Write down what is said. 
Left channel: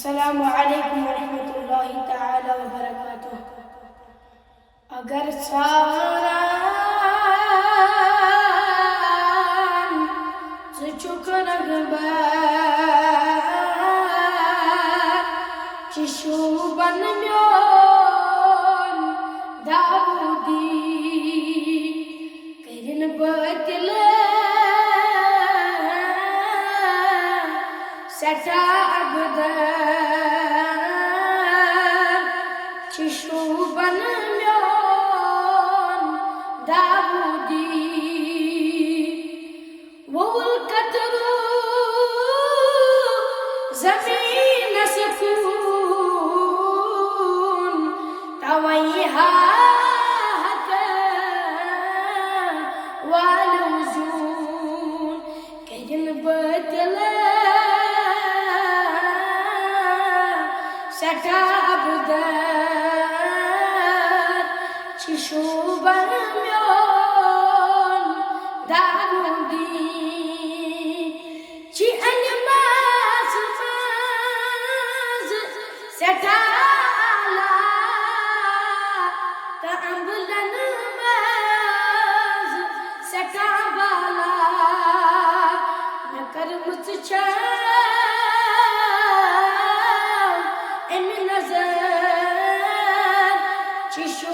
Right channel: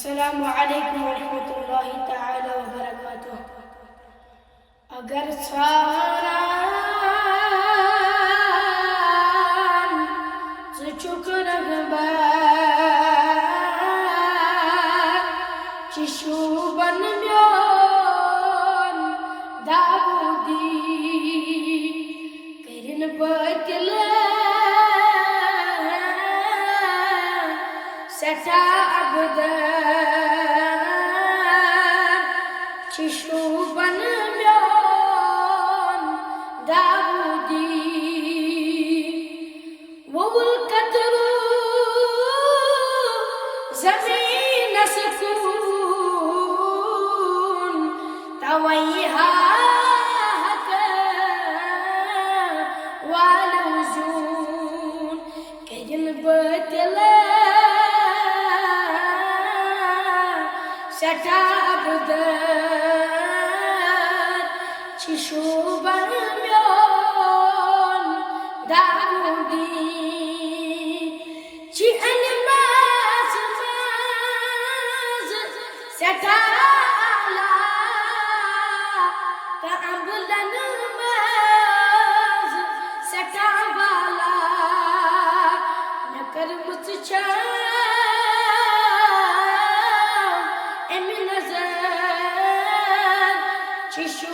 अस्सलामु अलैकुम वरहमतुल्लाहि तआला व बरकातुह। अगर सारा चुक चिशु बन म्योन दाऊदी करिन बतिल सटा अबद चिशु बन म्योन दाऊदी वोल कतरू ज़मीन सुकून तवैहा हक वालुजून करिन बतिल सटा अबद चिशु बन म्योन दाऊदी ची अलमाज सटा आला का अम्बलन माज सटा बाला नकर मुझचा एम नजर चिशु